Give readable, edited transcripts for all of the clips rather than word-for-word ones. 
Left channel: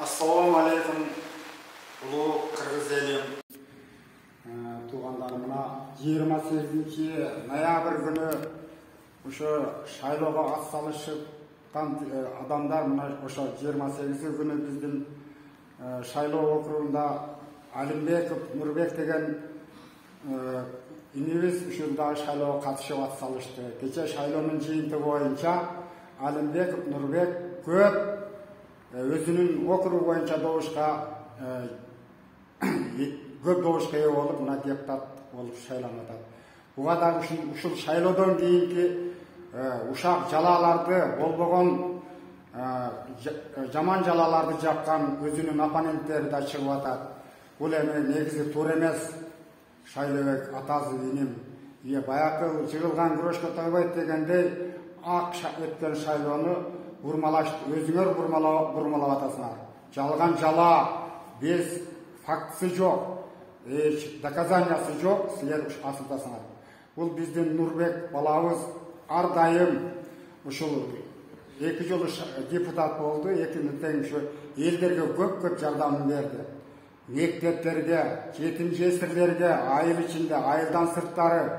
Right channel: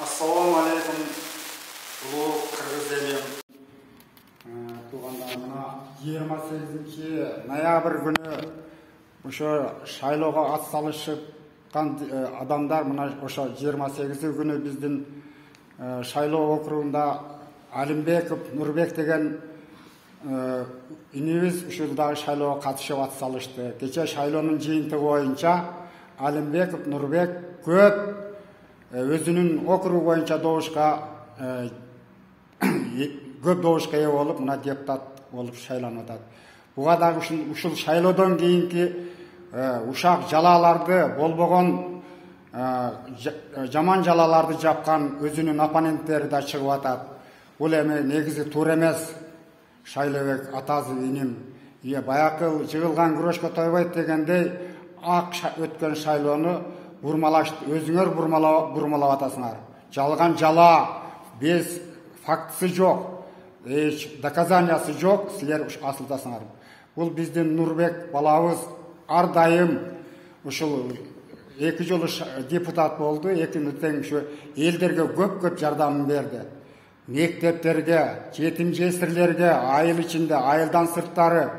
Assalamu alaikum, ulu Kırgız elim. Туғандарына 28 ноябрь күні ошо шайлоого атсалышкан адамдар мына ошо 28 күнү биздин шайлоо округунда Алимбеков Нурбек деген инибиз ушул дагы шайлоого катышып атсалышты. Кече шайлоонун жыйынтыгы боюнча Алимбеков Нурбек көп өзүнүн округу боюнча добушка көп добушка ээ болуп, мына депутат болуп шайланат. Буга дагы ушул шайлоодон кийинки ушак жалаларды болбогон жаман жалаларды жапкан өзүнүн оппоненттери да чыгып атат. Бул эми негизи туура эмес. Шайлообек атасы иним баягы жыгылган күрөшкө тойбойт дегендей ак өткөн шайлоону өзүңөр бурмалап атасыңар. Жалган жала, без фактысы жок, доказаниясы жок, силер асылдасыңар. Бул биздин Нурбек балабыз ар дайым ушул 2 жолу депутат болду, тең ушу элдерге көп жардамын берди. Мектептерге, жетим жесирлерге, айыл ичинде, айылдан сырттары,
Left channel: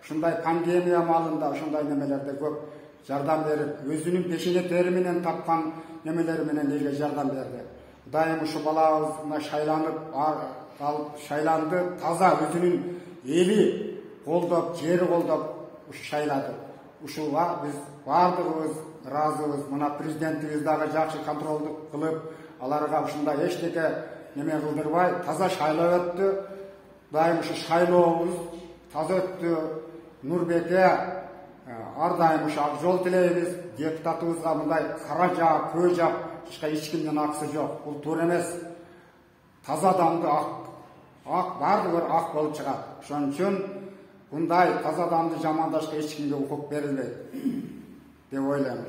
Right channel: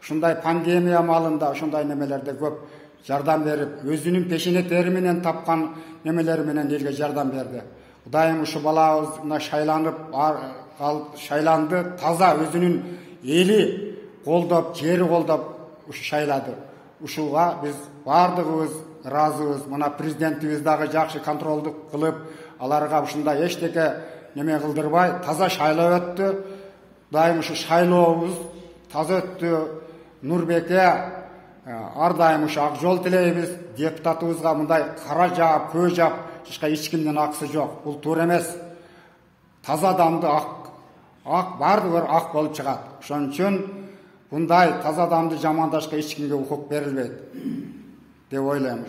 ушундай пандемия малында, ушундай немелерде көп жардам берип, өзүнүн пешене тери менен тапкан немелери менен элге жардам берди. Дайым ушу балабыз мына шайланды, таза өзүнүн эли колдоп, жери колдоп шайлады. Ушуга биз бардыгыбыз ыраазыбыз. Мына президентибиз дагы жакшы контролдук кылып, аларга ушундай эчтеке неме кылдырбай, таза шайлоо өттү. Дайым ушу шайлообуз таза өттү. Нурбекке ар дайым ушу ак жол тилейбиз. Депутатыбызга мындай кара жаап, көө жаап, эч кимдин акысы жок. Бул туура эмес. Таза адамды ак бардыгы ак болуп чыгат. Ошон үчүн мындай таза адамды жамандашка эч кимге укук берилбейт деп ойлойм.